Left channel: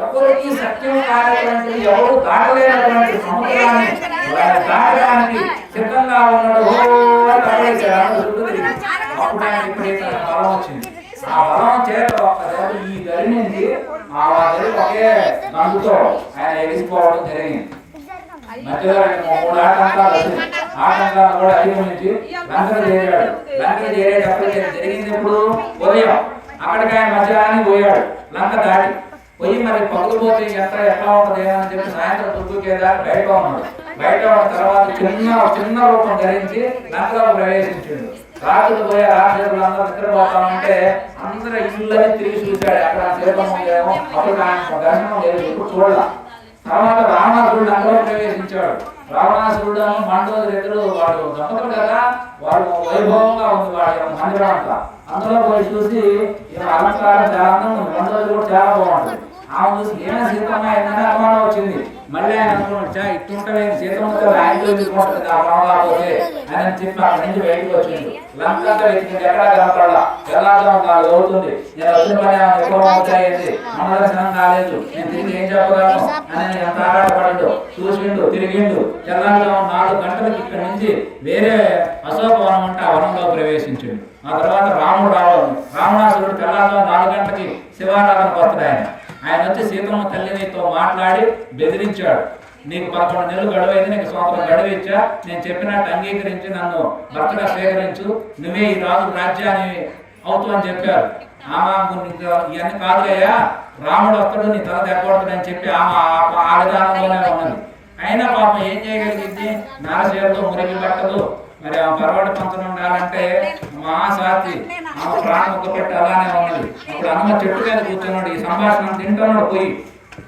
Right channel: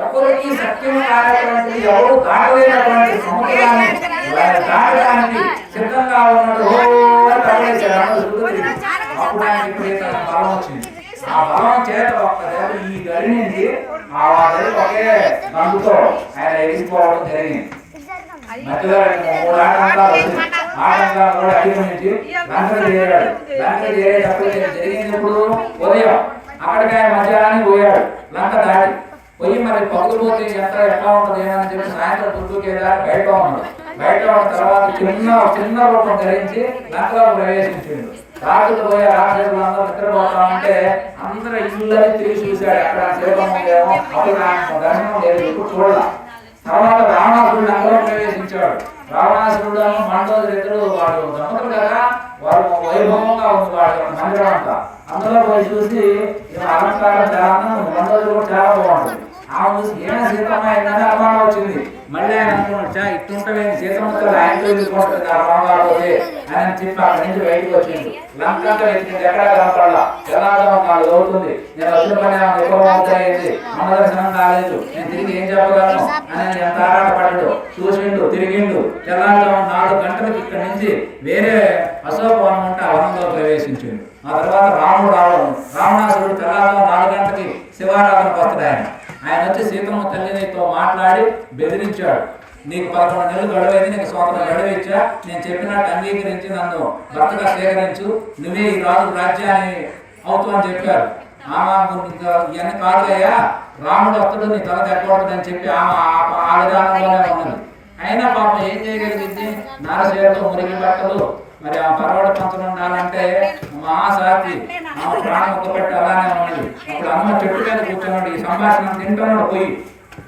ఎవరికి సత్యం కానటువంటిది, ఎవరు దాటలేనటువంటి సముద్రాన్ని దాటడానికి సిద్ధంగా ఉన్నాడు. అప్పుడు ఆయన విపరీత బలం వచ్చింది. ఆ బలం చేత ఒక్క దేవుడు ఈ గడి నుంచి ఆ గడి ఒకే రంగుతో ఆయన ఎగిరిపోవడం జరిగింది. మధ్యలో 3 ఆటంకాలు వచ్చింది. ఆటంకాలు కూడా అధిగమించి లంకకు చేరాడు. లంకకు చేరేటప్పటికి జరిగింది ఇప్పుడు ఉదయం. అక్కడికి ఆయన మధ్యాహ్నానికి పోయాడు. లంక దాటి పోయి మరి పగులు పోతే ఎట్లా ఉంటుంది అని చెప్పి సాయంత్రం చుట్టూకేదాన్ని బయట ఉన్నాడు. బయట ఉన్న తర్వాత చిన్న రూపం ధరించి లంకలో ప్రవేశించాడు. రాజులు పోయే రాక్షసులందరూ నిద్రపోతా ఉంటే అందరూ ఇళ్ళని తిరిగి చూశాడు. ఎక్కడ దీపం లేమో అప్పుడు దర్శనం లేదు, ఇప్పుడు చూడాల. తర్వాత రావణాసురుడు లంకలో ప్రవేశించాడు. రావణాసురుడు మండోదరు ఇద్దరు వాడు దంపతులు కదా, వాడు వైభవంగా ఉంది వాడి మందిరం అంతా. అందులో పోయి చూసి అలంకారం చాలా అందం, మండోదరు కూడా చాలా బాగుంటుంది. ఆమె చూసి ఏమైనా సీతమ్మ ఏంటనే అనుమానం వచ్చింది. మళ్ళీ ఆయన అనుకున్నాడు, ఇట్లుంటే సీతమ్మతో ఆయన వెళ్ళిపోతుంది కాకపోతే అని చెప్పి అక్కడి నుంచి బయటకు వచ్చింది. లంకంతా వెతికింది, ఎక్కడా కనపడాలా. ఎలాగా నాలుగు అవుతుంది, నేను వచ్చిన పని ఎక్కువ అవుతాయింది, అమ్మదర్శనం కాలేదు, నేను తిరిగి ఏం చెప్పగలను అని ఎంత ఆరాటపడ్డాడు. చూసిండు, తిరిగిండు. తెల్లారుగా 4 గంటలకి ఇక్కడి నుంచి వేరే అశోక వనం ఉంటే ఆ వనంలో ప్రవేశించిండు. ఆ తర్వాత రాముడు రావడం, రావణాసురుడు తెల్లారుగా 4 గంటలకి శివారాధనకు వస్తాడు. ఆయన వచ్చి సీతమ్మ తల్లినితో మాట్లాడి బెదిరించాడు. నీకు 11 నెలలు గడువైంది, నీకు సంవత్సరం గడువు ఇచ్చా, నేను చెప్పినట్టు అంగీకరించి నన్ను భర్తగా స్వీకరించు, నువ్వే ఈ రాజు రాజ్యాన్ని అవుతూ అని చెప్పారు. ఆమె ఇవన్నీ కాదులయ్యా, రాముడు వస్తాడు, నీ తల దెబ్బడుతుందని చెప్పి ఆమె ఆ విధానంలోనే ఉన్నది. అయినా పాపం ఏం చేయగలిగింది, నారసేవతో మురికి బట్టలు, మరి ఆ పరవాడు పంతులు ఉండాలంటే మహాసాతి, ఆమె ప్రాణం ఒక్కపెట్టి అలానే ఉన్నది. అప్పుడు అమ్మ చెట్టు మీద కూర్చున్నాడు, ఈ సంభాషణ తింటున్నాడు. పోయి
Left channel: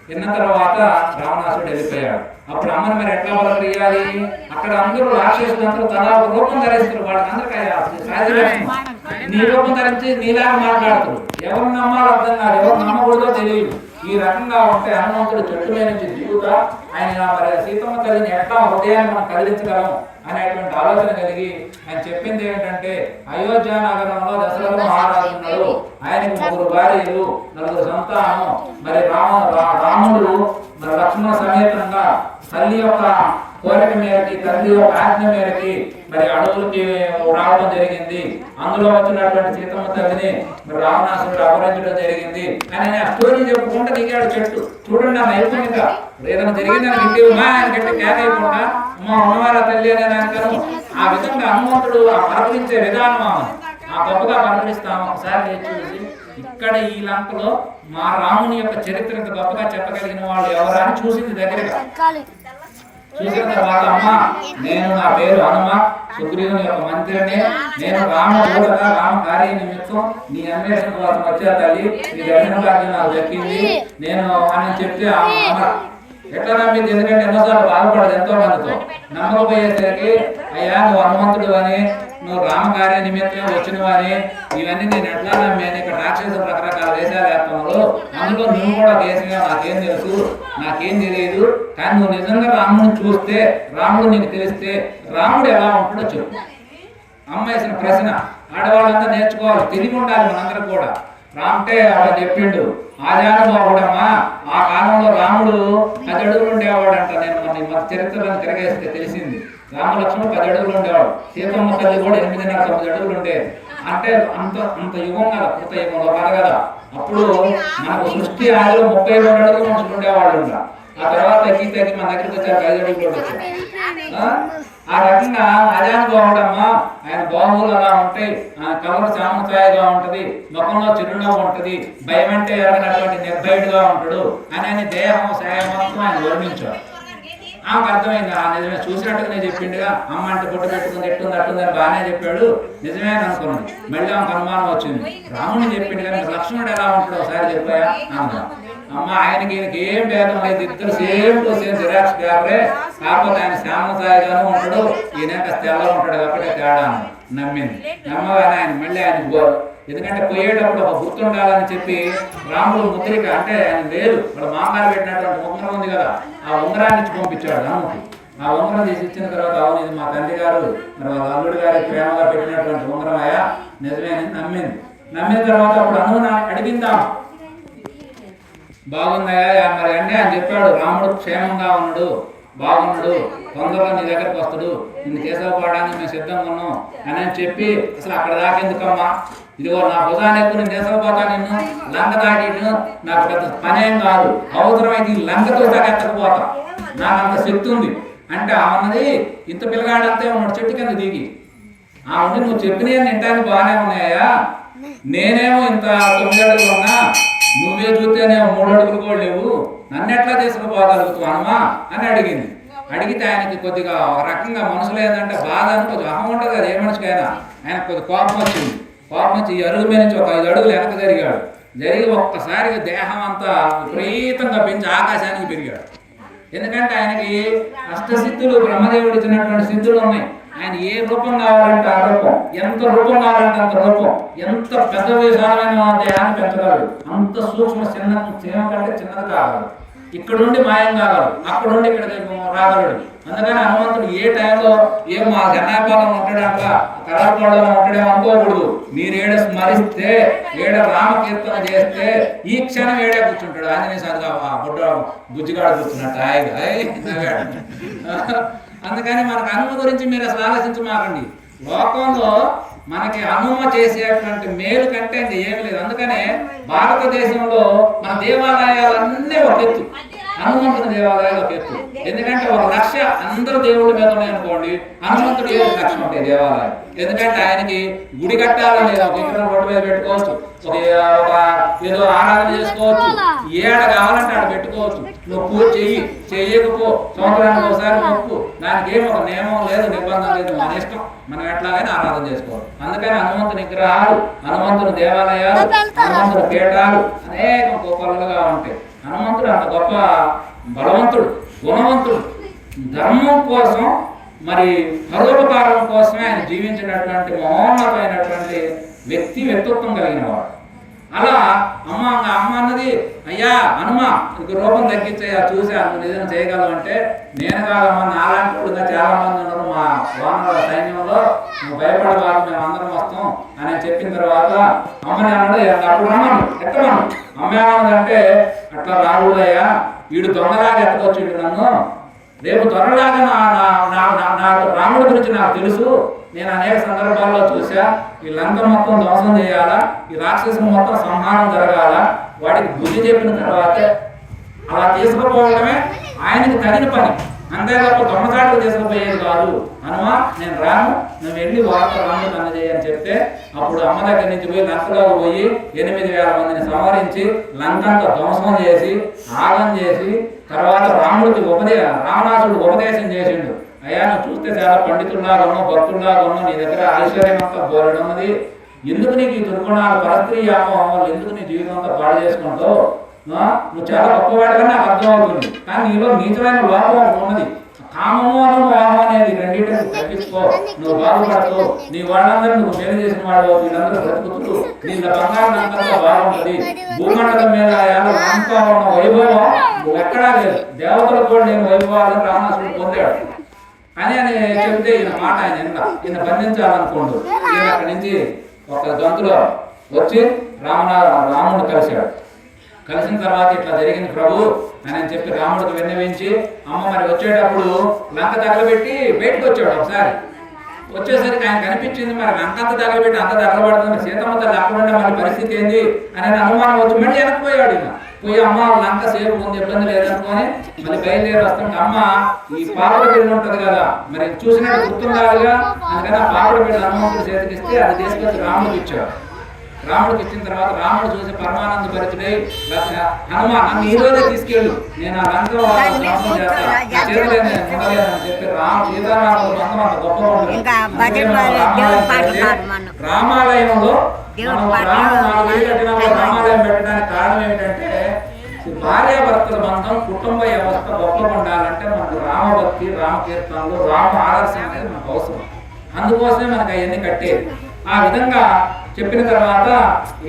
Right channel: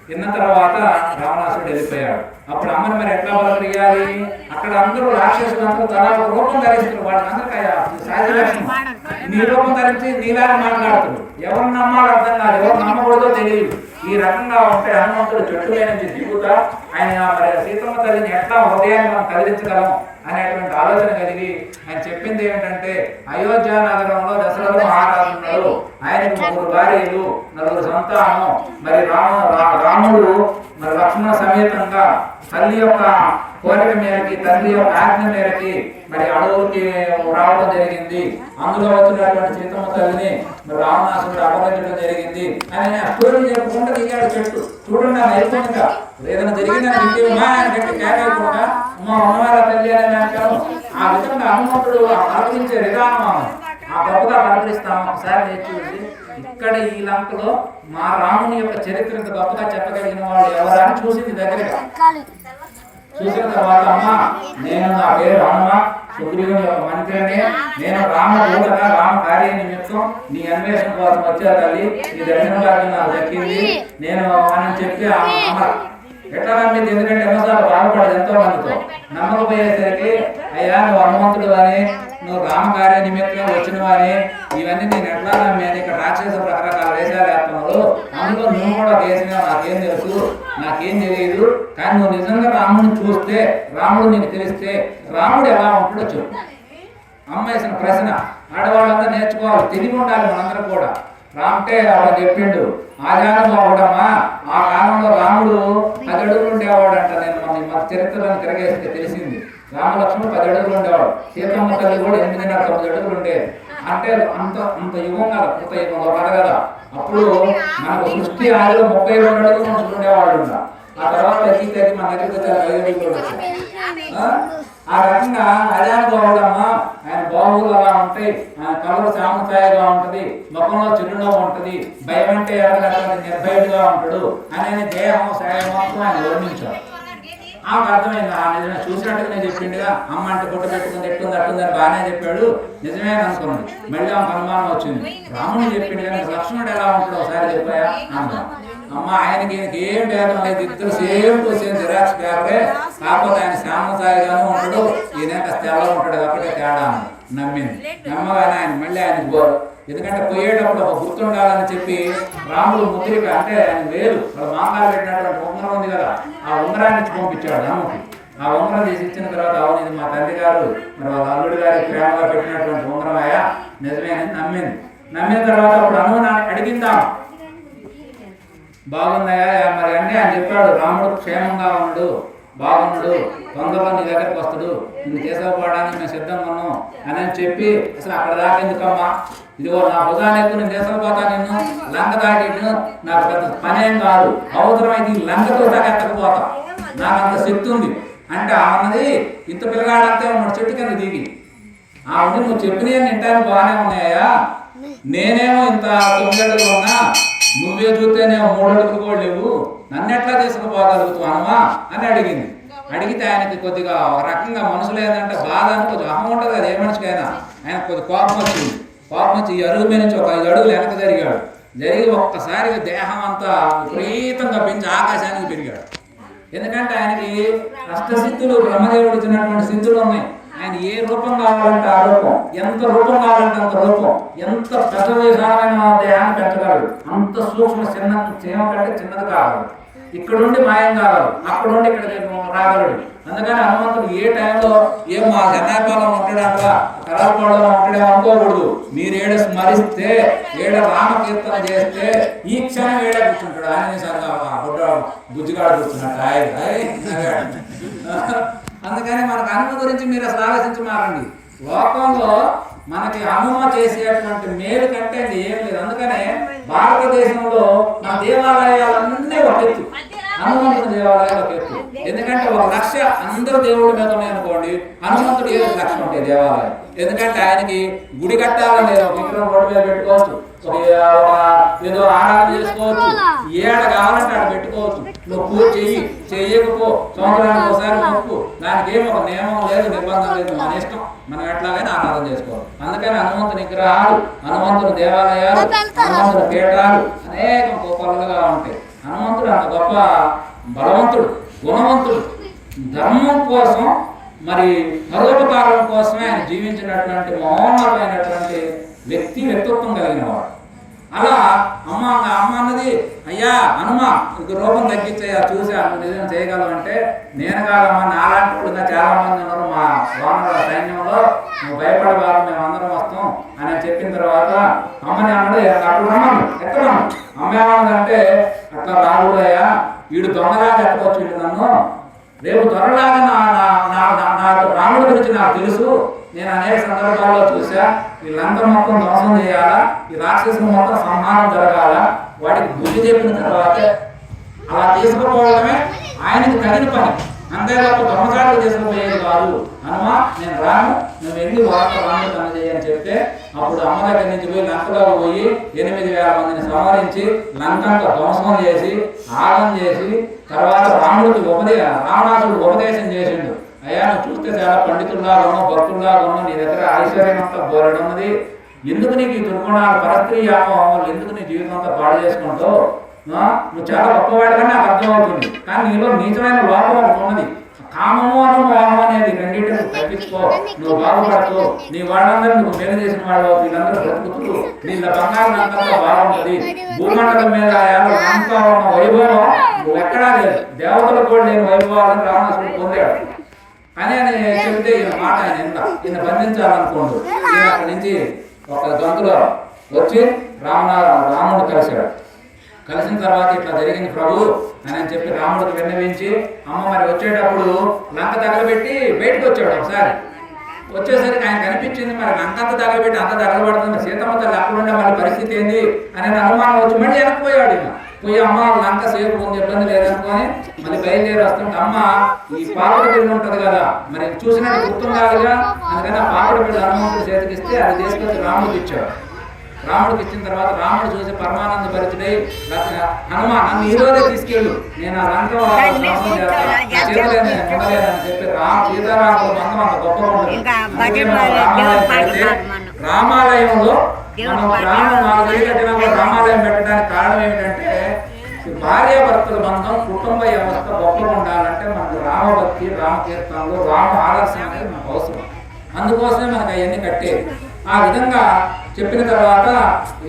తిన్న తర్వాత రావణాసురుడు వెళ్ళిపోయాడు. అప్పుడు అమ్మని మరి ఎట్లా వాళ్ళకి వేయాలి? అక్కడ అందరూ రాక్షసులందరూ తలా రూపం ధరిస్తారు. వాళ్ళందరికీ సాధ్యం నీ రూపం ధరించి నీలాగా మాట్లాడుతారు. ఎవరు నమ్మాలో అర్థం కాదు, ఎవరు నమ్మకూడదో తెలియదు. ఈ రకంగా ఉంటే హనుమంతుడు చెట్టులో నుంచి దిగుతా ఆయన సీతమ్మ తల్లిని ఎట్లా హృదయాన్ని మనం కదిలించగలం అనేటువంటి ఆలోచన కలిగి ఆయన చెప్పింది ఏంటంటే, అయోధ్య నగరంలో దశరథ మహారాజు ఉన్నాడు. ఆయనకు 3 భార్యలు, 4 సంతానం. మరి రాముడు మరి లక్ష్మణ సమేతంగా తల్లి యొక్క కోరిక మేరకి, తల్లి యొక్క ఆజ్ఞ మేరకి మరి అడవులకి రావడం జరిగింది. అందులో వచ్చినటువంటి సీతమ్మ తల్లిని మరి రావణాసురుడు అపహరించడం జరిగింది అని ఆ స్టోరీ చెప్పుకుంటూ దిగాడు చెట్టు. చూడండి ఆ నైపుణ్యత, ఏదైనా జరిగిందని ఇంటి మా ఆయన గట్టి క్యాన్ అయిపోకుండా అమ్మ ఉన్నవాళ్ళ తల్లి అని అంటారు. ఆ విధంగా హనుమంతుడు ఆ పరపరించే విధానం ఆ గొప్పగా పరపరిస్తాము. ఒకసారి చూసి ఇక్కడ ఈ లంకలో మా రాముని యొక్క చరిత్ర గొప్పగా చెప్పగలిగిన వాళ్ళు ఎవరని చూసింది దగ్గరగా. చూసిన తర్వాత అమ్మ నేను నా పేరు హనుమ, సుగ్రీవుని యొక్క మంత్రిని, నేను రామదూతగా రామ కార్య నిమిత్తం నీ అన్వేషణ కోసం వచ్చా తల్లి, నీ దర్శన భాగ్యం నాకు దక్కింది నేను అని చెప్తే అమ్మ ఎట్లా నమ్మింది? ఎందుకంటే ఎన్నోసార్లు బాధపడదు ఎంతో మందితో. నమ్మకపోయేసరికి అయ్యా నువ్వు హనుమంతుడు అని, నువ్వు రామకార్య నిమిత్తమే వచ్చినవని, ఇవన్నీ నేను ఎట్లా నమ్మాను? ఇక్కడ రాక్షసులు రకరకాల వేషాలు వేస్తున్నారు, అందులో నువ్వు కూడా దేశంగా నాకేం తెలుసు, నాకేం తెలియదు. కానీ నువ్వు నిజంగా రాముడిని చూస్తే, రాముడు నీకు తెలిస్తే రాముడు ఎలా ఉంటాడో చెప్పు. అమ్మ వేసిన ప్రశ్న ఆడవాళ్ళంతా నేర్చుకోవాలి, తెలివి ఉండాలి మనందరం కూడా. రాముటే అలా చెప్పిండు, ఆజానుభావుడమ్మా ఆ కాలంలో రాముడు 10 అడుగులు ఉండేవాడంట. నేను మన చరిత్రలను తిరగేస్తే తెలిసింది. రామలక్ష్మణుడు 10 అడుగులు ఉండేవాడు, సీతమ్మ తల్లి కూడా 8.5-9 అడుగులు ఉండేది. అంటే అంత యుగం కదా, కృత యుగంలో కదా కదా. అప్పుడు మనకు సృష్టి ఆదిలో 32 అడుగులు మనుషులు ఉండేవాళ్ళు. ఆ తర్వాత తగ్గి మన దగ్గరికి వచ్చారు 5 అడుగులు వచ్చారు. ఆ రకంగా అజానుభావుడమ్మ, ఆయన బాహువులు అలా ఉంటాయి, ఆయన కలర్ సామసాయిగా ఉంటది, ముఖంలో చిరునవ్వు ఉంటది, భయం అంటే ఎరగనటువంటి నిర్భయుడుగా ఉంటాడు అని దేహం సాయమంతో ఆయన వర్ణించాడు. ఆమెకు అర్థమైంది, ఆ నిజమే చూసినట్టుగానే చెప్పిండుగా. అమ్మ అంటే గుట్ట పెట్టుకుని ఎట్టుంది అట్టుందని బాగానే చెప్పాడు, నిజమే అనుకున్నది. మళ్ళీ ఆమెకు అనుమానం వచ్చింది, రాముడు చెప్పిండు కానీ లక్ష్మణుడు ఎలా ఉంటాడు ఒకసారి చెప్పాయా అన్నదా. అమ్మ ఆయనకి ఏం భేదం లేదు, ఇద్దరు సేమ్ టు సేమ్ జిరాక్స్ పేపరే, కాకపోతే ఆయన శ్యామసాయిగానే ఉంటాడు, ఈయన కాస్త తెల్లగా ఉంటాడు కాబట్టి తేడా నమ్మింది. నమ్మగానే ఆయన మళ్ళీ ఆయనకు ఎందుకంటే పోయేటప్పుడు ఒక గుర్తుండాలని చెప్పి రాముడు ముద్రిక అంటే ఆయన లేదు, వాడు మామగారు పెట్టినటువంటి ఉంగరం ఉంది కదా, ఆ ఉంగరాన్ని ఇచ్చి పంపించాడు రాముకి. ఆ ఉంగరం తీసి ఇచ్చిన తర్వాత అవును ఇది మా తండ్రి గారు మరి వాళ్ళ అల్లుడి గారి ప్రేమగా పెట్టినటువంటి ఉంగరమయ్యా నిజమేనని నమ్మింది. నమ్మిన తర్వాత అప్పుడు అనుమతి అడిగిందాం, బాగుందయ్యా మరి అన్నీ ఆయన చెప్పాడు, రాముడు క్షేమంగా ఉన్నాడు, బాగున్నాడు, తొందరగా నీ దగ్గరకు వస్తాడు, నిన్ను కేశవపడడానికి మేము సిద్ధంగా ఉన్నాం అని చెప్పి అసలు అక్కడ దాకా ఎందుకమ్మా, ఇదిగో నా భుజాన్ని ఎక్కువ నేను దేశపోతా, నిన్ను లంక దాటి నాకు పెద్ద పనేం కాదు, అవసరమైతే ఈ లంకతో దాకా ఎత్తకపోతా, నాకు అంత శక్తి ఉంది అంటే అన్నది. ఇంత పిల్లగాడంతే ఉన్నాడు చెట్టు కింద దిగి. ఉండి నువ్వు చెప్పినవి వింటానికి బాగానే ఉన్నాయా, నేనేమో ఇంత 9 అడుగులు ఉన్నా, నువ్వే చూస్తేనేమో 3 అడుగులు కూడా లేవు, నన్ను ఎట్లా తీసుకుపోగలుగుతావు అనమా అని అడిగింది. అడిగితే ఆయనకి కొద్దిగా ఒక రకంగా మనసులో ఏంటంటే బాధ అని కొంచెం అహం ఉంటుంది కదా ఏ మనిషికైనా. ఆయనకు కొద్దిగా కోపం వచ్చింది. కోపం వచ్చి ఈ అరుగు మీద నుంచి ఒక 5 అడుగులు వెనక జరిగాడు. జరిగి ఒక్కసారిగా దేహం అంతా విపరీతంగా పెంచి ఆకాశానికి పెరిగాడు. ఎందుకంటే ఆయనకి అష్టసిద్ధులు, బ్రహ్మదేవుడు ఇచ్చినటువంటి సిద్ధులు ఉన్నాయి. ఆయన ఏ రూపం కావాలంటే ఆ రూపం, ఎంత రూపం కావాలంటే అంత రూపం, ఎంత పెద్ద విశాలమైన దేహాన్ని పెంచగలడు, అంత సూక్ష్మ చిన్న చీమ కంటే చిన్నది కాగలడు, ఇక్కడుండి మాయం కాగలడు, అక్కడుండి ఇక్కడికి రాగలడు. అందుకని హనుమంతుడు ఏ టైంలో ఏం మా జనాభాలో ఉంటాడంటా కరాపడలో ఉంటాడేమో అనుకోకూడదు. మీరు ఏడ స్మరిస్తే, ఏడ రామకీర్తన చేస్తే ఈ క్షణం ఏడే కూర్చుంటాడు. ఆంజనేయ సారిగా బుడ్డ బుజ్జిగాడు కూర్చున్నట్టు అందుకని మనకు హనుమ గురించి మీరు అసలు ఆలోచించమాకండి. లోకంలో మనకి హనుమ చేసేటువంటి మేలు కంటే ఏమి లేదు. అందుకనే భారతదేశంలో మన దేవాలయాలన్నీ ఒక ఎత్తు, హనుమంతుడి దేవాలయాలు ఒక ఎత్తు. ఎందుకంటే 1 లక్ష అందరూ దేవుడి మీద ఉన్నాయనుకోండి, హనుమంతుడు 7 లక్షలు ఉంటాయి దేవాలయం. ఎందుకంటే ఆయనకి గుడి కట్టాలని లేదు, ఒక విగ్రహం రోడ్డు మీద పెట్టుకోవచ్చు, ఒక ఏదో ఆరాధన చేసుకోవచ్చు, ఏడ కావాలంటే ఆడ పెట్టుకోవచ్చు. నువ్వు పూజ చెయ్యకపో, సంవత్సరానికి ఒకసారి మొక్కు, దానికి ఏమి ఒక నియమం లేదు, నిబంధన లేదు, మన ఇష్టం, మనం ఎట్లాగైనా ఆరాధన చేసుకోవాలి. అందుకని హనుమంతుని విగ్రహాలు, హనుమంతుని దేవాలయాలు, హనుమంతుని పీఠాలు అనేకం కోకొల్లలుగా ఉంటాయి. హనుమంతుడు అంత గొప్ప బలవంతుడు, గుణవంతుడు, ధర్మం కోసం మరి పరోపకారం కోసమే ఆయన జీవించినటువంటి మహోన్నతమైనటువంటి వ్యక్తిత్వం కలిగిన వాడు. అలా అమ్మ అన్నది, అయ్యా హనుమ ఇక రూపం తగ్గించయ్యా, చూసా నువ్వు నిజంగా చేయగలవు అంటే, నేను కాదమ్మా నాలాంటి వాళ్ళుగా చాలా మంది ఉన్నారు మా వానర సైన్యంలో, నువ్వు భయపడవాళ్ళు, మేము అందరం వస్తాం అని చెప్పిన తర్వాత అమ్మని అన్నాడు, అప్పుడు రమ్మను ఎత్తమను. అమ్మ ఏమన్నదంటే, అట్లా రాకూడదయ్యా, వీడు దొంగలాగా ఎత్తకొచ్చిండు నన్ను, రేపు త్వరలాగా నాకు రాముడి గురించి నాకు తెలుసు, నేను అనేక సందర్భాల్లో చూసా, ఈ లంక మొత్తం ధ్వంసం చేయాలా, ఈ రాక్షసుని మొత్తం సంహారం జరగాల, వాటికి బుద్ధి చెప్పిన తర్వాత అలా తీసుకుపోవడమే ఆయనకి తగిన పని, అంతే తప్ప దొంగచాటుకు తీసుకుపోయేది కాదు. హనుమ నేను రాను, నువ్వు వెళ్ళి వార్త రాముడికి అందజేయని చెప్తే, అప్పుడు అమ్మ దగ్గర నుంచి పోయి లంకలోకి పోయి 8,000 మందిని సంహరించి లంకంతా ధ్వంసం చేసి ఆగం చేసి తర్వాత రాముడికి రావణాసుడికి ఉపదేశం చేసిండు. అయ్యా నువ్వు చూస్తే చాలా పండితుల్లాగా ఉన్నావు, భక్తుల్లాగా ఉన్నావు, నీ దగ్గర ఐశ్వర్యం అంతా బోరడున్నది, ఎందుకు నీకు ఈ దుర్గుణాలు, పరస్త్రీ వ్యామోహం వల్ల ఎందుకు నీ జీవితం అంతా పాడు చేసుకుంటావు, నువ్వు చాలా గొప్పవాడిగా నాకు అర్థమవుతుంది, కానీ నీలో నీచమైన లోపం ఒకటి ఉన్నది, కామము అను మోహం అనేది రెండింటిని తగ్గించుకో, నువ్వు బాగుపడతావు, నీ వాళ్ళందరూ నువ్వు మేలు చేసిన వాడు, వీళ్ళందరూ బ్రతుకుతూ నీ బంగారం అంతా బాగుంటుంది, భూమండలం మీద అంతా ఉన్న వైభవం నువ్వు ఎక్కడా లేదు, దేవతలు కూడా లేని వైభవాలను రావణాసుడు పొందాడు అని చెబితే ఈయన మాట ఈయన బంధించాలనుకోండు. ఈయన అక్కడి నుంచి ఒక గంతులో వచ్చి రాముడిని కలిశాడు. కలిసిన తర్వాత ఇట్లా జరిగింది ప్రభు అని చెప్పి రాముడికి విన్నవించి, అమ్మ మరి వచ్చేటప్పుడు లంక తగలబెట్టి బయటకు వచ్చాడు. ఒకసారి వచ్చేసరికి ఆయన కనిపించింది, మరి లంక అంతా తగలబెట్టి అంత తగలబడుతుంది, సీతమ్మ తల్లి అక్కడుండే మళ్ళీ పరిస్థితి ఏంది అనే అనుమానం వచ్చి మళ్ళీ వెనక్కిపోయాడు. ఈయన పోయి అమ్మ లంక సేపు ఉంది, ఇబ్బంది లేదనుకొని మళ్ళీ బయలుదేరి వస్తుంటే, అమ్మ ఈ పాపడి బిల్లు ఉంటుంది కదా, మరి చూసినట్టు గుర్తుండాలిగా, అందుకని ఆ పాపడి బిల్లు హనుమంతుడి చేతికిస్తే అది తీసుకొచ్చి రాముడికి ఇచ్చాడు. రాముడికి ఇచ్చిన తర్వాత రాముడు చూసి పరమానంద భరితుడై, హనుమ నన్ను ఈ రోజే తీసుకెళ్ళు, నేను ఆ లంక ధ్వంసం చేస్తాను, నా చేతులే నేను ఉండలేనని చెప్పి సీతారాముడు బంధం అంత గొప్పగా ఉంటుంది. రామాలయంలో మనం రామాలయం 4 గంటల రామాలయం పెట్టడానికి కారణం ఏంటంటే, భార్యాభర్తల బంధం, కుటుంబ వ్యవస్థ గొప్పగా ఉండాలంటే మనకు రామభక్తి, రామకీర్తనలు, రామ ఆదర్శం అనేది మనకు అవసరం. అందుకోసమే మనకు అవన్నీ కట్టేది. ఆ విధంగా చెప్పిన తర్వాత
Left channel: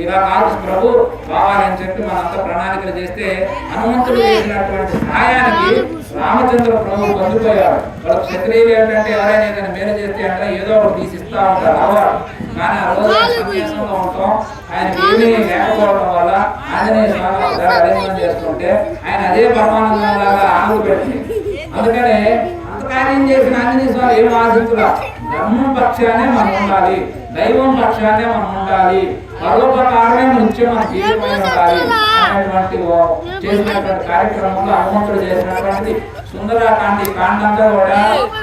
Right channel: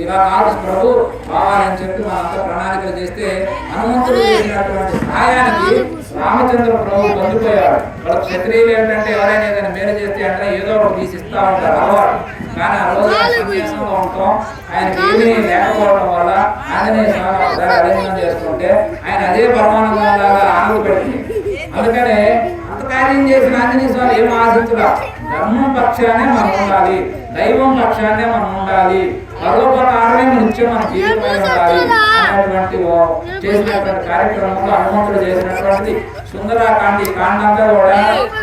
ఇలా కాదు ప్రభు కావాలని చెప్పి మనంతా ప్రణాళికలు చేస్తే హనుమంతుడు చేసినటువంటి సహాయానికి రామచంద్ర ప్రభు పొందిపోయాడు. వాళ్ళు క్షత్రియులు ఏంటంటే ఎవరైనా ఏదైనా మేలు చేస్తే అంటే ఏదో ఒకటి తీసిస్తూ ఉంటారు అలవాటు. కానీ ఆ రోజు సన్యాసంలో ఉంటాం, ఆయనకి ఏమీ లేకపోవడం వల్ల ఆంజనేయ స్వామి ఒకసారి అరేంజ్మెంట్ చేసుకుంటే ఆయన అదే పరమానందం లాగా ఆనందపెట్టింది. అందుకనే అంత కార్యం చేసిన ఆంజనేయ స్వామి ఏం ఆశించురా, ధర్మం పక్షానే మనం ఉండాలి, దైవం పక్షాన్నే మనం ఉండాలి, పరోపకారమే నిత్యం మన జీవితమై ఉండాలి అనేటువంటి చేసినటువంటి కార్యక్రమంలో హనుమంతుడు చేసినటువంటి సుందరకాండ కాండంతా కూడా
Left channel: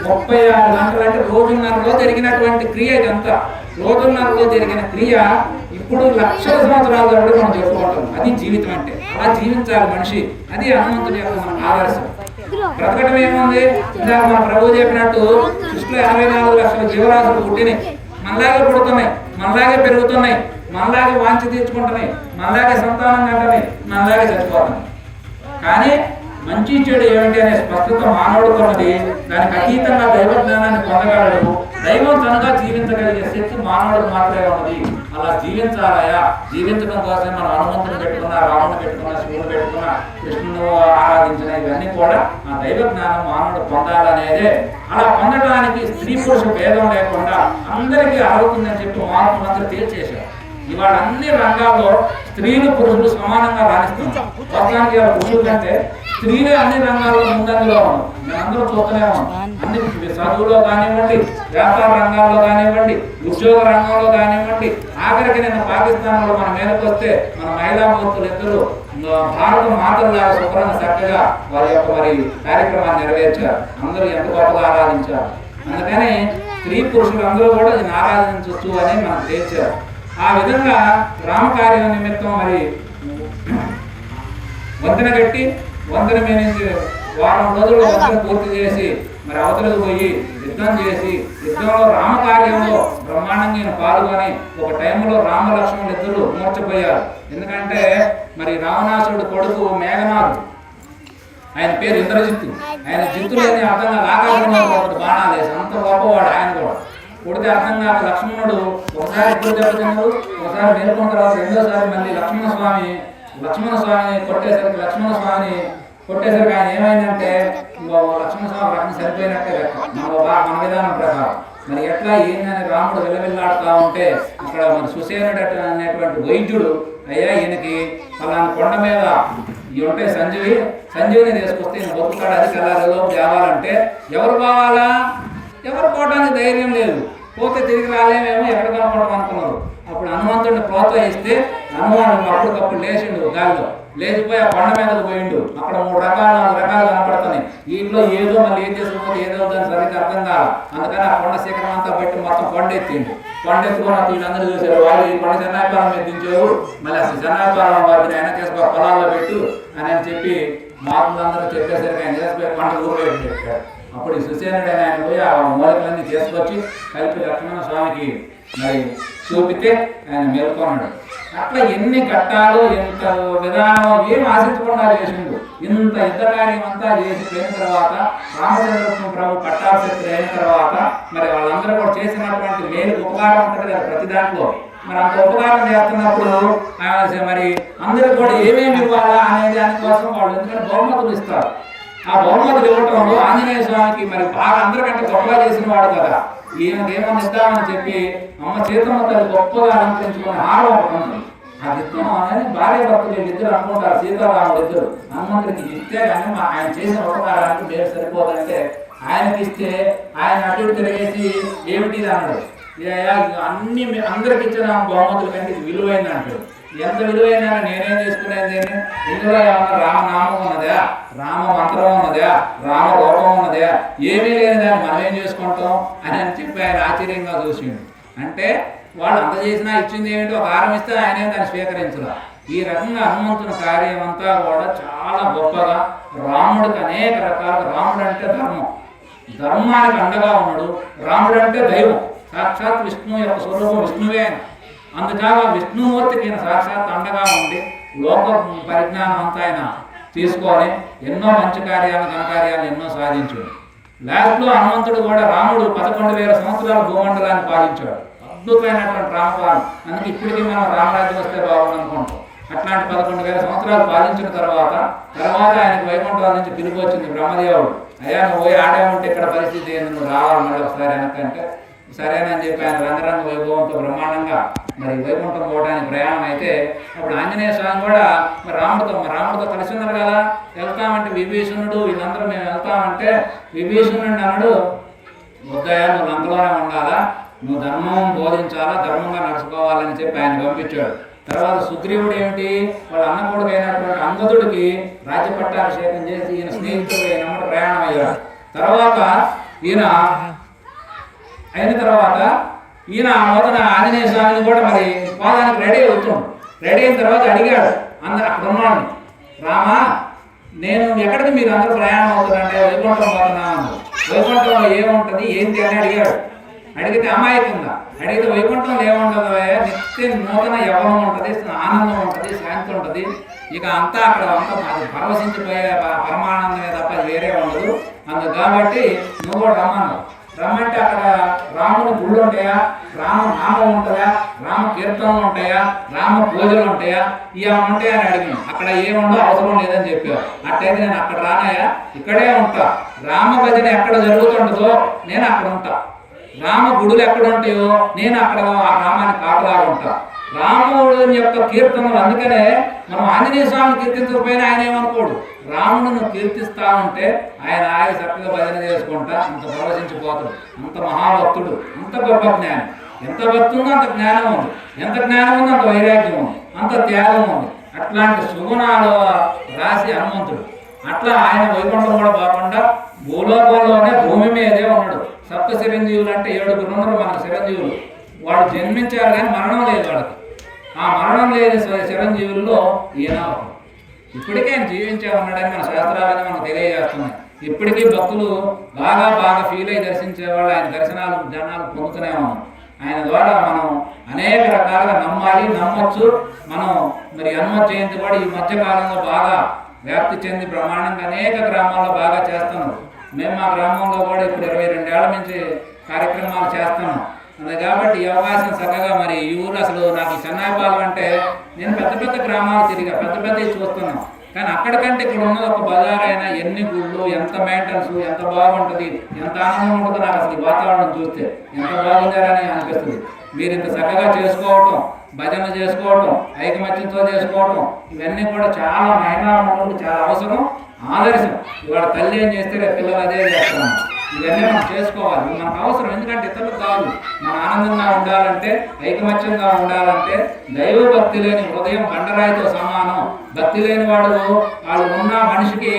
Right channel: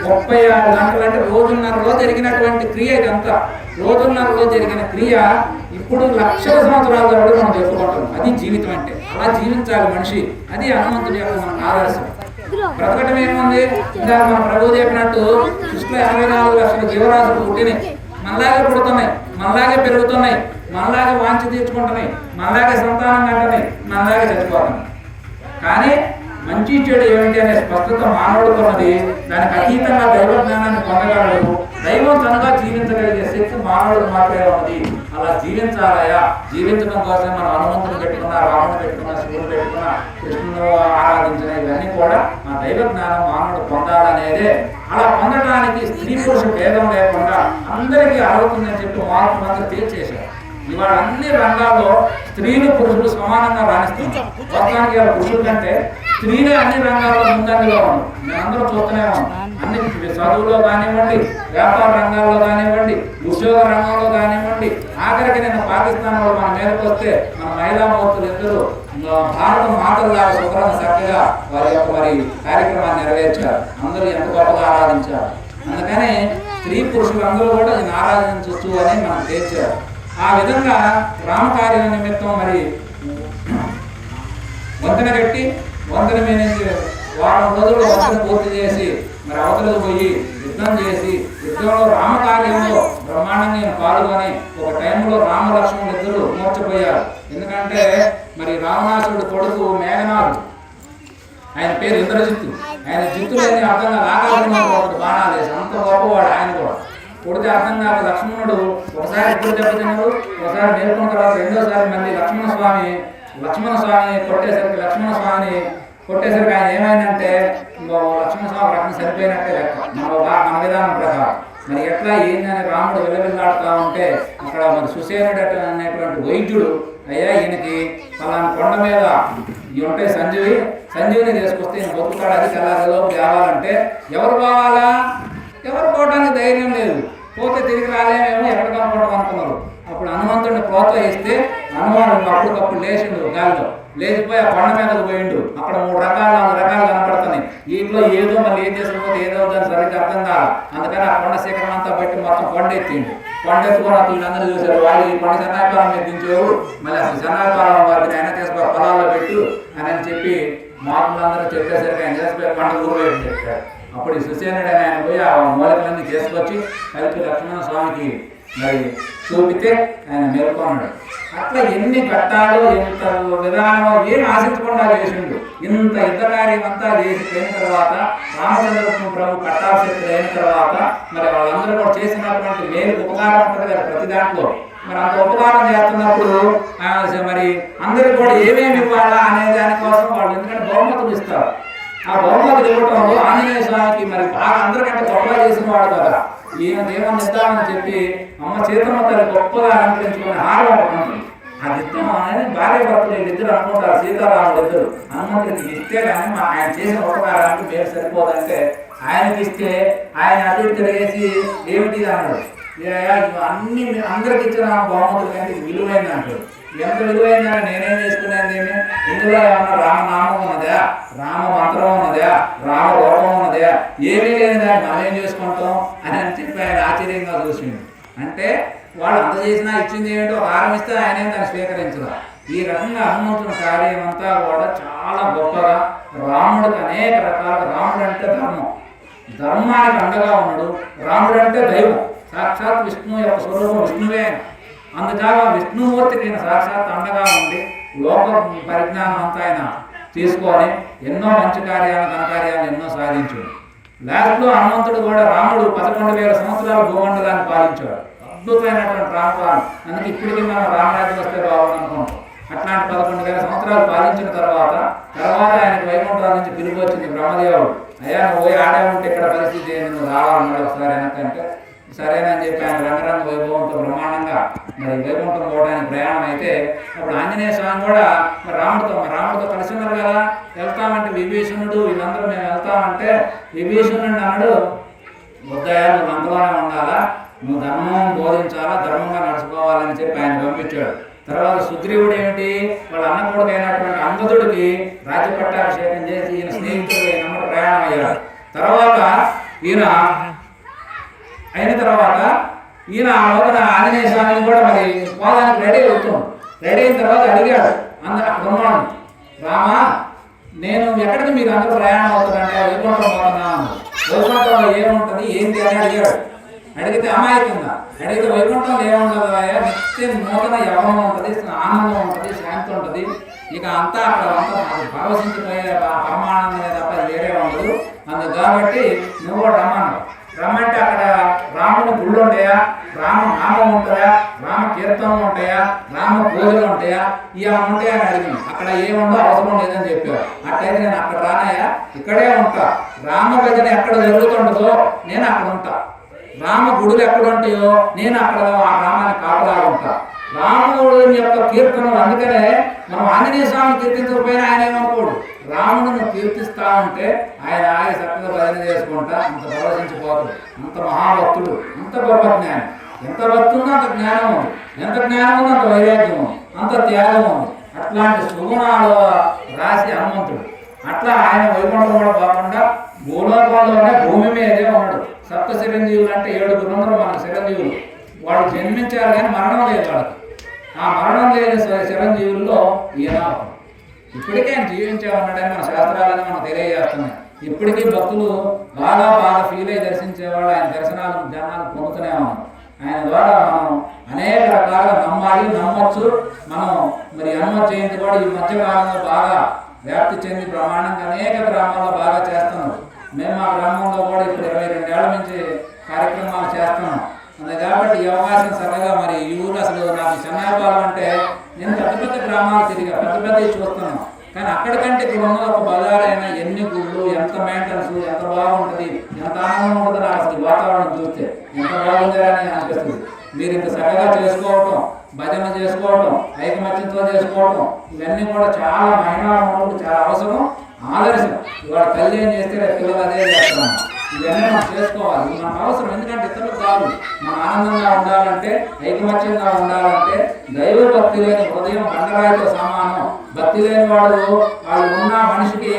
36 గంటలు అంటే రోజున్నరలో జరిగినటువంటి క్రియ ఇదంతా. రోజున్నరలో జరిగిన క్రియ ఇప్పుడు లక్షల సంవత్సరాల తర్వాత మనం చెప్పుకుంటాం. అది జీవితం అంటే, అలా జీవించాలి మనిషి. అది హనుమంతుడి యొక్క మన ఆదర్శం. బ్రతకటం ఏముంది, ఇందాక మన ప్రభు చెప్పినట్టు సృష్టిలో 84 లక్షల జీవరాశులు పుట్టినాయి, మనలాగే పుడుతున్నాయి, మనలాగే పెరుగుతున్నాయి, మనలాగే వాంఛ తీర్చుకుంటున్నాయి, మనలాగే సంతానం కంటున్నాయి, మనలాగే చచ్చిపోతున్నాయి. కానీ మంచి చెడు ఏమిటి అనే స్పష్టత మానవుడుకున్నది. దానికి అతీతంగా దైవ జ్ఞానాన్ని పొందగలడు. దైవంతంగా జీవించగలిగే శక్తి మానవుడికి మాత్రమే ఉన్నది. అలా జీవించాలయా, జీవించడం కోసం మనం హనుమంతుని పెట్టుకున్న, రాముని పెట్టుకున్న, శివుని పెట్టుకున్న, కృష్ణుని ఆరాధించిన ఇవన్నీ కూడా ఆ దైవ జ్ఞానం మానవుడు పొందాలనేదే. అలా పొందటానికి స్త్రీ పురుష భేదం లేకుండా అందరికీ అర్హతుందని చెప్పి మహాత్ములందరూ తేల్చేశారు. ఇవాళ అన్ని రంగాల్లో స్త్రీలు పురుషులు సమానంగా రాణిస్తున్నారు. వాస్తవానికి పురుషుల కంటే స్త్రీలే అన్ని రంగాల్లో ముందంజలో ఉన్నారు. నేనందరూ చూస్తూనే ఉన్నాం. అన్ని చదువులో కానివ్వండి, వ్యాపార రంగాల్లో కానివ్వండి, ఉద్యోగ రంగంలో కానివ్వండి, ఆఖరికి నేను పాకిస్తాన్లో మన మీదకి వస్తే మన మహిళా మూర్తులు ఇద్దరు భారత మాతల్లాగా శుభ్రంగా చక్కగా వారి యొక్క మరి కార్యక్రమాన్ని నెరవేర్చారు. అందరూ ఎంత గొప్పగా ఆరాధించారు. అందుకని స్త్రీ పురుషులు అందరూ కూడా దీన్ని ఆరాధించవచ్చు అని మనకు తేల్చారు. ఆ విధంగా రామకార్యం నిమిత్తం మరి వంతెన కట్టి, వంతెన మీద నుంచి వారం రోజుల్లో వంతెన పూర్తి చేసి మరి అవతలకు పోయి యుద్ధం చేసి, యుద్ధంలో రామకార్యంలో బ్రహ్మాండంగా పాల్గొని ఒక టైంలో రామలక్ష్మణులు ఇద్దరు మూర్చపోయారు. ఎందుకంటే మరి రావణాసురుడు కొడుకు మేఘనాథుడు, ఆయన పేరు ఇంద్రజిత్తు. ఆయన జిత్తు లేని అర్థంగా ఆకాశంలో ఒకటి బాణాలు వేసి అంత గొప్పవాడు. ఆయన కూడా కొడితే అర్థం కాక లక్ష్మణుడు ఒకసారి ఇద్దరు దెబ్బతిన్నారు. ఒకసారి మేలుకున్న తర్వాత రెండోసారి మళ్ళీ లక్ష్మణ స్వామి కొట్టేసరికి ఆయన ఏమైందంటే లక్ష్మణ స్వామి రకం సరిపోయినట్టే లెక్క మన విధానం ప్రకారం. మరి ఎట్లా ఏందని రాముడు విలవిల్లాడుతూ ఉంటే అక్కడ మరి సుసేనుడు అనేటువంటి వైద్యుడు, అయ్యా ఈయనకి పలానా కొండ మీద ఇవి ఉంటాయి సంజీవిని తీసుకొస్తే ఈయన బతుకుతాడు, అది తెల్లారిలోపు తేవాలంటే ఎవరు పోవాలా? ఎవరు పోవడానికి ధైర్యం లేదు. పోతే తిరిగి రాలేమేమో, ఎక్కడ కనుక్కోవడం అనుకున్నారు. అప్పుడు హనుమంతుడిని ప్రోత్సహిస్తే హనుమానుడు అప్పటికప్పుడు లేచిండు, గాలిలో లేచిపోయి ఆ కొండ మీదకు పోయిండు. అక్కడ 3 రకాలు 4 రకాలు కనపడుతున్నాయి. వీటిలో ఏదో మళ్ళీ ఏం చేసుకుపోతే ఏదో దాన్ని సరిగ్గా అర్థం కాదు. అందుకని ఆ కొండ శిఖరం అంతా పెట్టి మొత్తం కొండ ఎత్తిండు. కొండ ఎత్తుకున్న వీళ్ళందరూ చూశారు. వాళ్ళు ఈ కొండ చెన్నాయిపాలెం మీద దించేవు, మళ్ళీ అసలు చెన్నాయిపాలెం వారికి ఆయన చేసుకో పొలాల్లో పెట్టు అని చెప్పి మాటలందరూ చెప్పేసరికి ఆయన చేసుకుని కొండ ఊరు చెప్పారు. అప్పుడు సుసేనుడు ఆయన పోయి ఆ మూలికలన్నీ చేసుకొచ్చి కలిపి లక్ష్మణ స్వామికి మరి చూపితే ఆయన మేల్కొన్నాడు. అట్లా ఎన్ని కట్టాలో ఎంత విధానమో ఏం ఆశించకుండా చేసిండు. ఇంత యుద్ధ కార్యం అంతా చేసిపోయిన తర్వాత రామచంద్ర ప్రభు పట్టాభిషేకుడు అయిన తర్వాత మరి వాళ్ళందరూ కూడా చేసినటువంటి మేలు ఉపకారం ఉంటుంది కదా ప్రతి దాంట్లో. మరి అంత ఉపకారం చేస్తున్నప్పుడు మరి అందరికి కూడా ఏమేమి ఇవ్వాలా అనే దానికోసం వాళ్ళు ఎందుకంటే బహుమతులు ఇస్తారు. ఆ బహుమతులు ఇవ్వటంలో ఆంజనేయ స్వామికి మరి బాగా అందరికంటే గొప్పగా చేసిన వాడు కదా, ఈయనకి ఏమన్నా ఇద్దామని చెప్పి అమ్మ సీతమ్మ తల్లి గొప్పగా అలంకరించుకున్న హారం ఒకటి ఉంటుంది. అది ఇస్తాం అనేది భార్య భర్తలు వీళ్ళిద్దరు అనుకుంటారు. సీతారాముడు ఇద్దరు హనుమంతుడికి ఇస్తే కానీ ఆయన చేసిన ఉపకారానికి పేరు సరిపోదంటే ఆయనకి ఇస్తే ఆయన అటు తిరిగేసి ఏమిటి అన్నాడు. అన్ని అందరికి ఇచ్చిన బహుమతుల కంటే ఇది విలువైంది అంటాడు. ఎంత విలువైందని నేనేం చేసుకున్నాను? ఇందులో ఏమన్నా రామనామం ఉన్నదా, రామ మంత్రం ఉన్నదా, రామ రూపం ఉన్నదా? ఏమీ లేని దాన్ని మనం ఏం చేసుకుంటాం అని చెప్పి ఆయన ఆశ్చర్యంగా చూసిండు. అంటే వాళ్ళు అంత చేసినా ఇచ్చింది ఏమిటో ఒక హారం ఇస్తే ఆయనే దాన్ని స్వీకరించరా. ఈ రకంగా హనుమంతుని కార్యం అంతా కూడా చాలా గొప్పగా రాముడికి అనేక రకాలుగా. రాముడు అంటే ధర్మానికి అండగా ఉన్నాడు. రాముడు అంటే దైవం, సాక్షాత్ విష్ణువు యొక్క స్వరూపం విష్ణువే ఆయన. అందుకాగా విష్ణుమూర్తికి ఈయన సాక్షాత్ అండగా ఉండి లోక పరిజ్ఞానం అంతా ఆయన తీసుకొని ఎన్నో మంచి కార్యాలు ఘనకార్యాలు ఎన్నో సాధించాడు. లాస్ట్లో హనుమంతుడు కూడా రాముడు 11,000 సంవత్సరాలు భూమండలాన్ని పాలించాడు. అద్భుతమైనటువంటి రామపాలన. అందుకే ఇప్పటికీ మనం రామరాజ్యం వస్తే బాగుండు అనుకుంటాం. అట్లాంటి 11,000 సంవత్సరాలు పాలించిన తర్వాత ఆయనకు వైకుంఠం నుంచి పిలుపు వచ్చింది. బ్రహ్మదేవుడు, అయ్యా నువ్వు పోయి ఆడే ఉంటే ఇక్కడ పరిస్థితి ఏంది, నువ్వు రావాలి మళ్ళీ ఒకసారి వెనకంటే సరేనని చెప్పి ఆయన రంగరంగ వైభవంతో బ్రహ్మాండంగా మరి వైకుంఠం పోవడానికి ప్రయాణం అయితే అప్పుడు ఆంజనేయ స్వామి కూడా మరి రాముడితో కలిసి ఉన్నారు కదా, వెళ్తామంటే విభీషణుడు వీళ్ళందరూ మేము వెళ్తామంటే విభీషణుడు అన్నాడు, వద్దయ్యా నువ్వు నందలోనే ఉండాలా, నువ్వు ధర్మం బోధించాలా, ధర్మంగా నడుచుకోవాలని చెప్పి ఆయన పంపించాడు. తర్వాత సుగ్రీవుడు ఏమిటి, వాళ్ళ అన్న కొడుకు అయినటువంటి అంగదుడికి రాజ్య పట్టాభిషేకం చేసి ఈయన స్నేహితుడు నమ్మటి ప్రయాణం అయ్యాడు. తర్వాత ఈయన మొదట ఆంజనేయ స్వామిని కూడా మరి పోదానికి రెడీ అవుతున్నాడు. రెడీ అయిన తర్వాత అడిగాడు అక్కడ ఉన్నాడు, రామా నేను ఎక్కడికి మీరు అందరూ ప్రయాణం అవుతారంటే వైకుంఠం పోతున్నాను, వైకుంఠంలో ఏముంటుంది ఏంటి అని అడిగాడు. అడిగితే అమాయకంగా అడిగితే వైకుంఠంలో ఏముంటుంది, నిత్య నూతన యవ్వనం ఉంటుంది, ఆనందం ఉంటుంది, శాంతి ఉంటుంది, ఇక అంతా అక్కడ అంతా మాది పరవశించిపోయే పరమానందమే తప్ప వేరే ఉండదు. అందుకు కాబట్టి నువ్వు కూడా రమ్మంటే అక్కడ రాముని గుళ్ళు ఉంటాయా, రామ నామం ఉంటుందా, రామ కీర్తనలు ఉంటాయా, రామ పూజలు ఉంటాయా, ఇవన్నీ ఉంటాయా అని అడిగాను. అక్కడ ఏముండో అవసరం లేదని చెప్పారు. అట్లయితే నేను అక్కడ రానాయా, ఇక్కడే ఉంటా, రామ భజన ఎక్కడ జరుగుతుంటుందో నేను అక్కడ ఉంటా, రామ గుడులు ఎక్కడ ఉంటాయో నేను అక్కడ ఆ గ్రామాన్ని కాపలాగా ఉంటా, రాముడు యొక్క కీర్తనలు. అందుకనే మనం ఆంజనేయ స్వామిని కీర్తించకపోయినా ఆయన ఏమనుకోడు, రాముడిని కీర్తిస్తా ఉంటే ఆయన చక్కగా భజన చేసుకుంటా అంత పరవశించిపోతాడు. అంత మహాభక్తుడు, అంత గొప్ప జ్ఞానం. ఎంత భక్తి ఉందో అంత జ్ఞానం ఉంది, ఎంత జ్ఞానం ఉందో అంత వైరాగ్యం ఉంది, అంత త్యాగం ఉంది. అట్లాంటి సుగుణాలు రాసి హనుమంతుడు. అట్లా ఆయన వైకుంఠం కూడా కాకుండా భూలోకంలోనే భూమి మీదే ఉన్నాడు. సప్త చిరంజీవులు అంటే 7 ఉన్నారు మనకు చిరంజీవులు. వాళ్ళు జన్మించారు కానీ మరణం లేదు వాళ్ళకి. ఆ మరణం లేని చిరంజీవుల్లో ఈయన ఇప్పటికే ఆయన జీవించే ఉన్నాడని మన శాస్త్రాలని మనకు తెలియజేస్తున్నాయి. ఇప్పటికీ భక్తులు బాగా ఫీల్ అయ్యి దర్శించేవాళ్ళు ఆయన దర్శనాలు జనాలు పొందుతూనే ఉన్నాం. ఆయన ద్వారా మనం అనేక రకాలుగా నమ్మొచ్చు. మనం మరి హనుమత్ జయంతి కూడా ఈ మధ్యకాలంలో బాగా వ్యాప్తి చెంది బ్రహ్మాండంగా అనేక గ్రామాల్లో బాగా చేస్తున్నాం. మేము మా గ్రామంలో కూడా ఇప్పుడు 22 ఏళ్ల నుంచి కార్యక్రమాలు చేస్తున్నాం. అంతే కాబట్టి ఈ అవకాశం చక్కగా మరి ఈ ఊరు అసలు నాకు చెన్నాయిపాలెం అంటే నేను పెద్ద గ్రామాలు తిరిగా పెద్దవి చూస్తున్నాను. కానీ అక్కడికంటే ఇక్కడ ఉన్నది ఒక బజార్ అయినా ఎన్ని గుళ్ళు, ఎంత మెయింటెనెన్స్, ఎంత బాగుంటుంది, ఎంత ఆనందం ఉంటుందో నాకు అసలు ఈ వాతావరణం చూస్తే ఎంత బాగుందని అనిపిస్తుంది. మీరు ఇంత చక్కగా చేసుకోవటం, భజన చేసుకోవటం, ఐకమత్యంతో చేసుకోవటం, ఇవన్నీ కూడా చాలా మహిళా మనులకు చాలా అవసరం, ఆదర్శం. ఇవాళ తల్లి ఏం చేస్తే రేపు పిల్లలు అదే చేస్తున్నాం. ఇవన్నీ మనం చేసుకోవాలి, ఇది మనకు అవసరం. ఎందుకంటే ఇతరులకు కాదు, మన ఆనందంగా ఉండాలంటే, ఐకమత్యంగా ఉండాలంటే దైవ భక్తి లేని హృదయం బండరాయితో సమానం. భక్తి లేని వాళ్ళు ఉన్న మనిషికి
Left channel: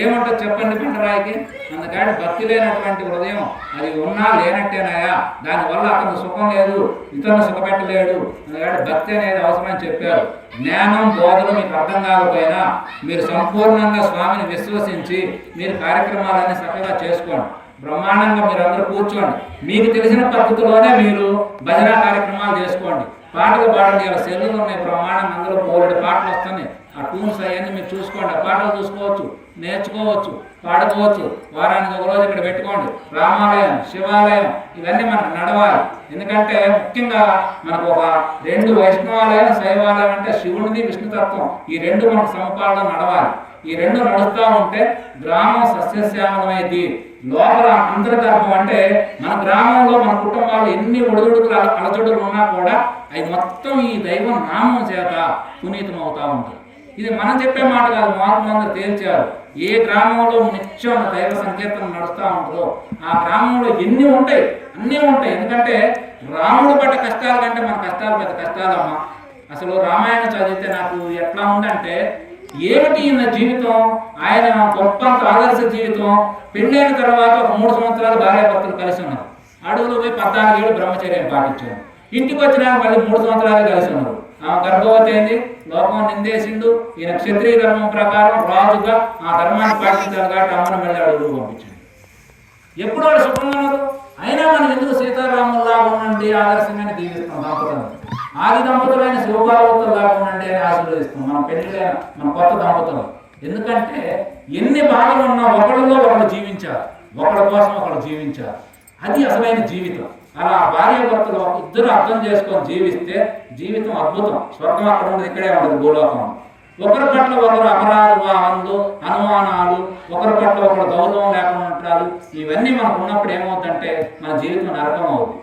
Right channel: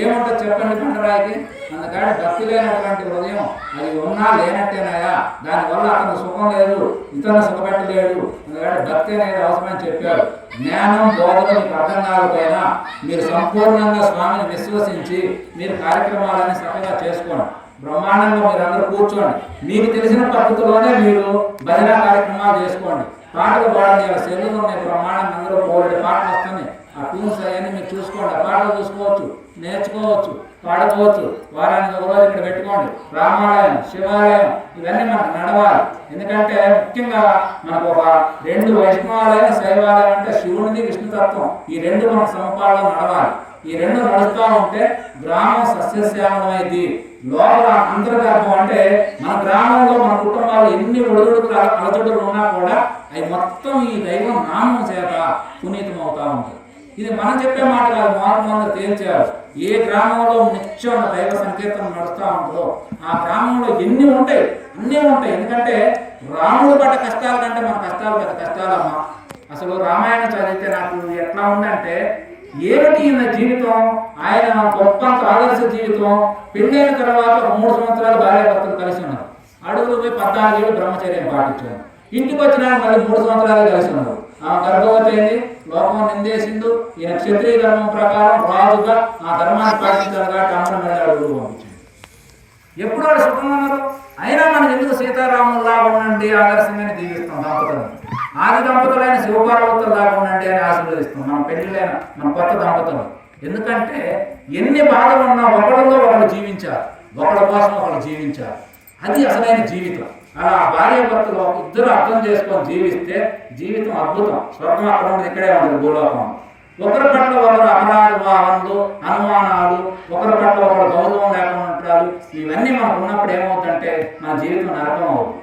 ఏముంటుంది చెప్పండి బండరాయికి. అందుకని భక్తి లేనటువంటి హృదయం అది ఉన్నా లేనట్టేనాయా, దానివల్ల అతను సుఖం లేదు, ఇతరులను సుఖపెట్టలేడు. అందుకని భక్తి అనేది అవసరమని చెప్పారు. జ్ఞానం బోధన మీకు అర్థం కాకపోయినా మీరు సంపూర్ణంగా స్వామిని విశ్వసించి మీరు కార్యక్రమాలన్నీ చక్కగా చేసుకోండి. బ్రహ్మాండంగా మీరు అందరూ కూర్చోండి, మీకు తెలిసిన పద్ధతిలోనే మీరు భజన కార్యక్రమాలు చేసుకోండి. పాటలు పాడండి. ఇలా సెల్లులు ఉన్నాయి బ్రహ్మాండంగా, అందులో 3 పాటలు వస్తున్నాయి. ఆ ట్యూన్స్ అవన్నీ మీరు చూసుకోండి, ఆ పాటలు చూసుకోవచ్చు, నేర్చుకోవచ్చు, పాడుకోవచ్చు. వారానికి ఒక రోజు ఇక్కడ పెట్టుకోండి. రామాలయం, శివాలయం ఇవన్నీ మనకు నడవాలి. ఎందుకంటే ముఖ్యంగా మనకు ఒక 2 వైష్ణవాలయం, శైవాలయం అంటే శివునిది విష్ణుతత్వం, ఈ 2 మనకు సమపాలలో నడవాలి. ఈ 2 నడుస్తూ ఉంటే గ్రామం సస్యశ్యామలమైంది. లోపల అంతర్గర్భం అంటే మన గ్రామంలో మన కుటుంబాల్లో ఎన్ని ఒడిదుడుకులు అలజడులు ఉన్నా కూడా అవి మొత్తం ఈ దైవం నామం చేత పునీతం అవుతూ ఉంటాయి. ఇది మనం చెప్పే మాట కాదు, మహాత్ములందరూ తేల్చారు. ఏ గ్రామంలో నిత్యం దైవ సంకీర్తనం నడుస్తూ ఉంటుందో ఆ గ్రామంలో ఎన్ని ఉంటాయి, అన్నీ ఉంటాయి. ఎందుకంటే రాముడు పడ్డ కష్టాల కంటే మన కష్టాలు పెద్ద కష్టాలమ్మా. అసలు రామాయణం చదివితే నాకు ఎట్లా ఉందంటే, ఏమిటి ఈయన జీవితం, ఆయన గొప్పంత ఆదర్శ జీవితం. పెళ్ళైన తర్వాత ఒక 3 సంవత్సరాలు భార్యాభర్తలు కలిసి ఉన్నారు. అడవులు పోయి 14 ఏళ్ళు బ్రహ్మచర్యం పాటించారు. ఇంటికి వచ్చినాక మళ్ళీ 3 సంవత్సరాలే కలిసి ఉన్నారు. ఆమె గర్భవతి అయింది, లోకం నిందేసిండు. ఈయన క్షత్రియ ధర్మం ప్రకారం రాజుగా ఆ ధర్మాన్ని పాటించాలి కాబట్టి అమ్మని మళ్ళీ అడుగులు పంపించండి. ఎప్పుడు వాళ్ళు సుఖంగా ఉన్నారు. అయినా మనం ఎందుకు సీతారాముల్లాగా ఉండండి ఆదర్శంగానే దీవిస్తాం దంపతులను. ఆది దంపతులైన శివపార్వతుల్లాగా ఉండండి అని ఆశీర్వదిస్తాం మన పెళ్ళిళ్ళైన మన కొత్త దంపతులు. ఎందుకంటే ఎన్ని బాధలు ఉన్నా ఒకళ్ళలో ఒకళ్ళు జీవించారు, ఒకళ్ళ కోసం ఒకళ్ళు జీవించారు. అది అసలైన జీవితం. అలా భార్యాభర్తలు ఇద్దరు అర్థం చేసుకొని జీవిస్తే జీవితం అద్భుతం. స్వర్గం అక్కడ ఉండదు, ఇక్కడే ఉండదు భూలోకం. ఒకరి పట్ల ఒకరు అపరాధాలు, అనుమానాలు, ఒకరి పట్ల ఒకరు గౌరవం లేకుండా ఉంటారు. ఇవన్నీ మనకు ఉన్నప్పుడు ఏమవుతుందంటే మన జీవితం నరకం అవుతుంది.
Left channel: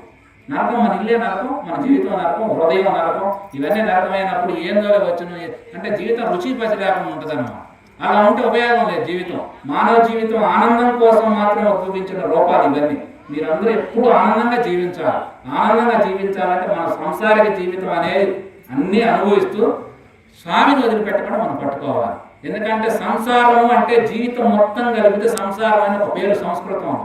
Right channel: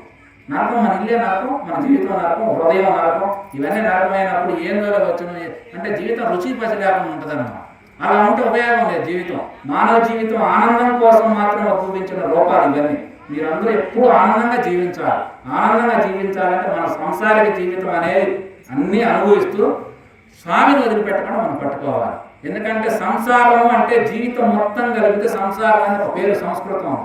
నరకం, మన ఇల్లే నరకం, మన జీవితం నరకం, హృదయం నరకం. ఇవన్నీ నరకమైనప్పుడు ఏం వచ్చును అంటే జీవితం రుచి పసి లేకుండా ఉంటుంది అన్నమాట. అలా ఉంటే ఉపయోగం లేదు జీవితం. మానవ జీవితం ఆనందం కోసం మాత్రం చూపించిన రూపాలు ఇవన్నీ. మీరందరూ ఎప్పుడు ఆనందంగా జీవించాలి. ఆనందంగా జీవించాలంటే మన సంసారిక జీవితం అనేది అన్నీ అనుభవిస్తూ స్వామిని వదిలిపెట్టకుండా మనం పట్టుకోవాలి. ఎందుకంటే సంసారము అంటే జీవితం మొత్తం కలిపితే సంసారం అని ఒక పేరు సంస్కృతం.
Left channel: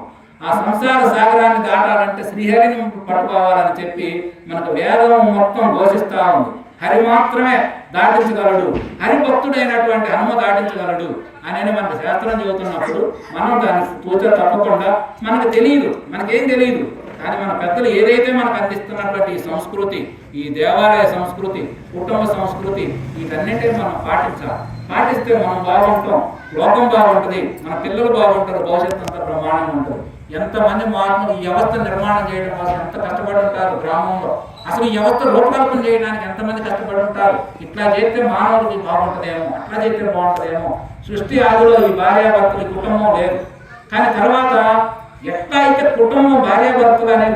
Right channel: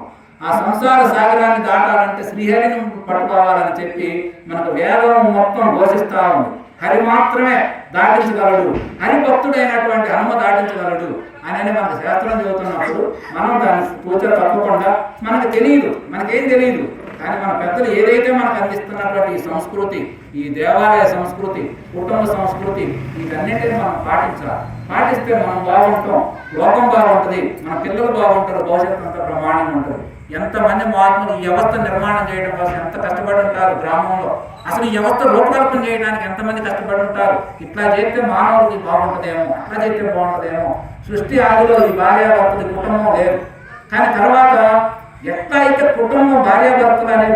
ఆ సంసార సాగరాన్ని దాటాలంటే శ్రీహరిని పట్టుకోవాలని చెప్పి మనకు వేదం మొత్తం ఘోషిస్తూ ఉంది. హరి మాత్రమే దాటించగలడు, హరిభక్తుడైనటువంటి హనుమ దాటించగలడు అని మనకు శాస్త్రం చెబుతున్నప్పుడు మనం దాన్ని తూచ తప్పకుండా, మనకు తెలియదు, మనకేం తెలియదు, కానీ మన పెద్దలు ఏదైతే మనకు అందిస్తున్నటువంటి ఈ సంస్కృతి, ఈ దేవాలయ సంస్కృతి, కుటుంబ సంస్కృతి, వీటన్నింటినీ మనం పాటించాలి. పాటిస్తే మనం బాగుంటాం, లోకం బాగుంటుంది, మన పిల్లలు బాగుంటారు, భవిష్యత్తు అంతా ప్రమాణంగా ఉంటుంది. ఎంతమంది మహాత్ములు ఈ వ్యవస్థ నిర్మాణం చేయడం కోసం ఎంత కష్టపడి ఉంటారు గ్రామంలో. అసలు ఈ వ్యవస్థ రూపకల్పన చేయడానికి ఎంతమంది కష్టపడి ఉంటారు. ఇట్లా చేస్తే మానవుడికి బాగుంటుందేమో, అట్లా చేస్తే బాగుంటుందేమో. సృష్టి ఆదిలో ఈ భార్యాభర్తలు కుటుంబం లేదు, కానీ తర్వాత ఎట్లా అయితే కుటుంబం భార్యాభర్తలు అనే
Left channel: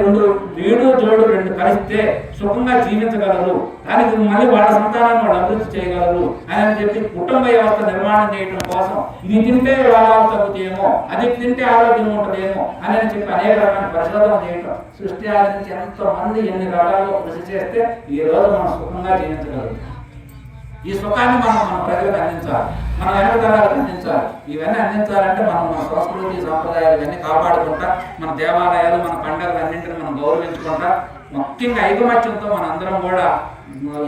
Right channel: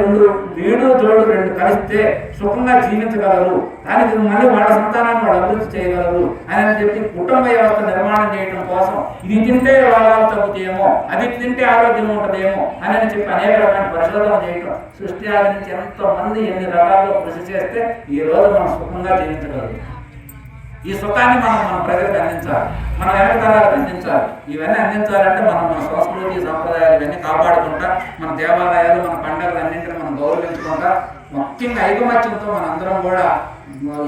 వీడు జోడు రెండు కలిస్తే సుఖంగా జీవించగలరు, దానికి మళ్ళీ వాళ్ళ సంతానాన్ని వాళ్ళు అభివృద్ధి చేయగలరు అని చెప్పి కుటుంబ వ్యవస్థ నిర్మాణం చేయడం కోసం ఇది తింటే రోగాలు తగ్గుతాయేమో, అది తింటే ఆరోగ్యం ఉంటుందేమో అని చెప్పి అనేక రకమైన పరిశోధన చేయటం. సృష్టి ఆది నుంచి ఎంతోమంది ఎన్ని రకాలుగా కృషి చేస్తే ఈ రోజు మనం సుఖంగా జీవించగలరు. ఈ సుఖాన్ని మన ప్రజలకు అందించాలి, మన వెనక తరాలకు అందించాలి. ఇవన్నీ అందించాలంటే మన సంస్కృతి సంప్రదాయాలు ఇవన్నీ కాపాడుకుంటా, మన దేవాలయాలు, మన పండుగలు అన్నింటిని మనం గౌరవించుకుంటా, ముఖ్యంగా ఐకమత్యంతో మనందరం కూడా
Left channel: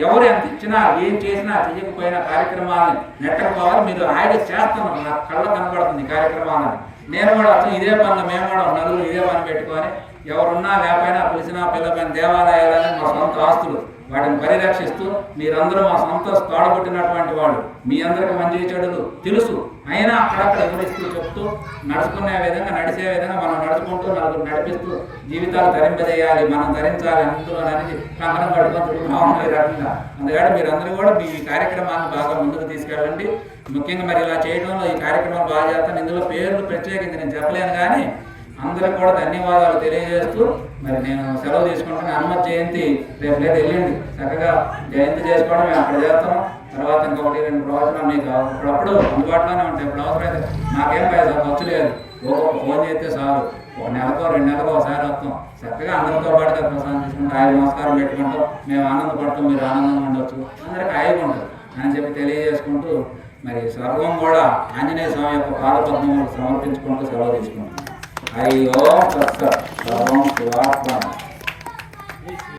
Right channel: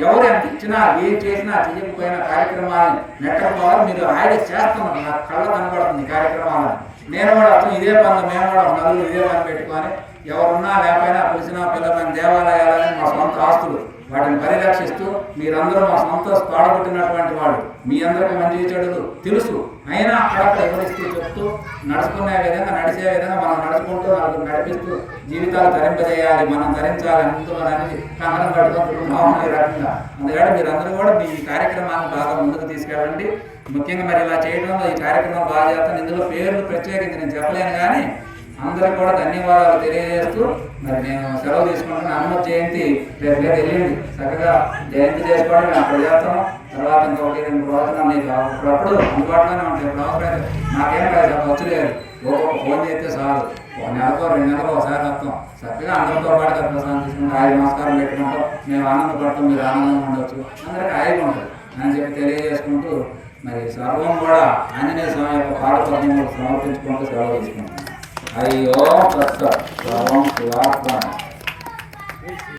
ఎవరు ఎంత ఇచ్చినా ఏం చేసినా చేయకపోయినా కార్యక్రమాలను నెట్టకపోవాలి. మీరు హాయిగా చేస్తున్నారు, నాకు కళ్ళ కనపడుతుంది ఈ కార్యక్రమాలను. నేను కూడా ఇదే పనులు, మేము కూడా నలుగురు ఇదే పని పెట్టుకొని ఎవరున్నా లేకపోయినా పిలిచినా పిల్లపైన దేవాలయాలని మా సొంత ఆస్తులు, వాటిని పరిరక్షిస్తూ మీరందరూ మా సొంత తోడబుట్టినటువంటి వాళ్ళు, మీ అందరికీ మంచి చెడులు తెలుసు, అయినా అక్కడక్కడ ఎవరిస్తూ చెప్తూ నడుచుకునే విధంగా నడిచే విధంగా మనం నడుచుకుంటూ నలుగురు నడిపిస్తూ జీవితాలు ధరింపజేయాలి, మనం ధరించాలి అందులో అనేది కంకణం కట్టుకుంటున్నాం ఈ రకంగా. అందుకని మీరందరూ కూడా మీ కార్యక్రమాన్ని బాగా ముందుకు తీసుకెళ్ళండి. ముఖ్యంగా మరి ఇలా చేయడంలో ఈ కార్యక్రమాలు బాగా చేస్తాను. ఇందులో పేర్లు ప్రత్యేకించి నేను చెప్పలేను, కానీ అందరూ కూడా ధన్యవాదాలు తెలియజేస్తూ మరి నేను సెలవు తీసుకుంటాను. హనుమత్ జయంతి రేపు లేదు, వెళ్ళండి చక్కగా జయంతి చేసుకోవడం మేము అక్కడ చేస్తాము. తర్వాత ఇంకొకటి 2 ప్రవచనాలు మీకు అప్పుడప్పుడు అందుబాటులోనే ఉంటాయి. ఇప్పుడు అవసరమైతే మాకేం ఖర్చు లేదు, ఒక్కొక్క ఫోన్ చేస్తే సార్ ఒక నెలకో 2 నెలకో ఒకసారి వస్తాం. చక్కగా అందరితో పాటుగా ప్రసాదం తీసుకుంటే ఆయన నమస్కారం పెట్టుకుంటాం, మేము ఆనందపడతాం, మీరు ఆనందంగా ఉండొచ్చు, అందరికీ హాయిగా ఉంటుంది అని చెప్పి తెలియజేసుకుంటూ మరి సర్వం కూడా ఆంజనేయ స్వామి యొక్క పాదపద్మములకు సమర్పించుకుంటూ సెలవు తీసుకుంటాం. హరి ఓం తత్సత్. సర్వం శివార్పణమస్తు.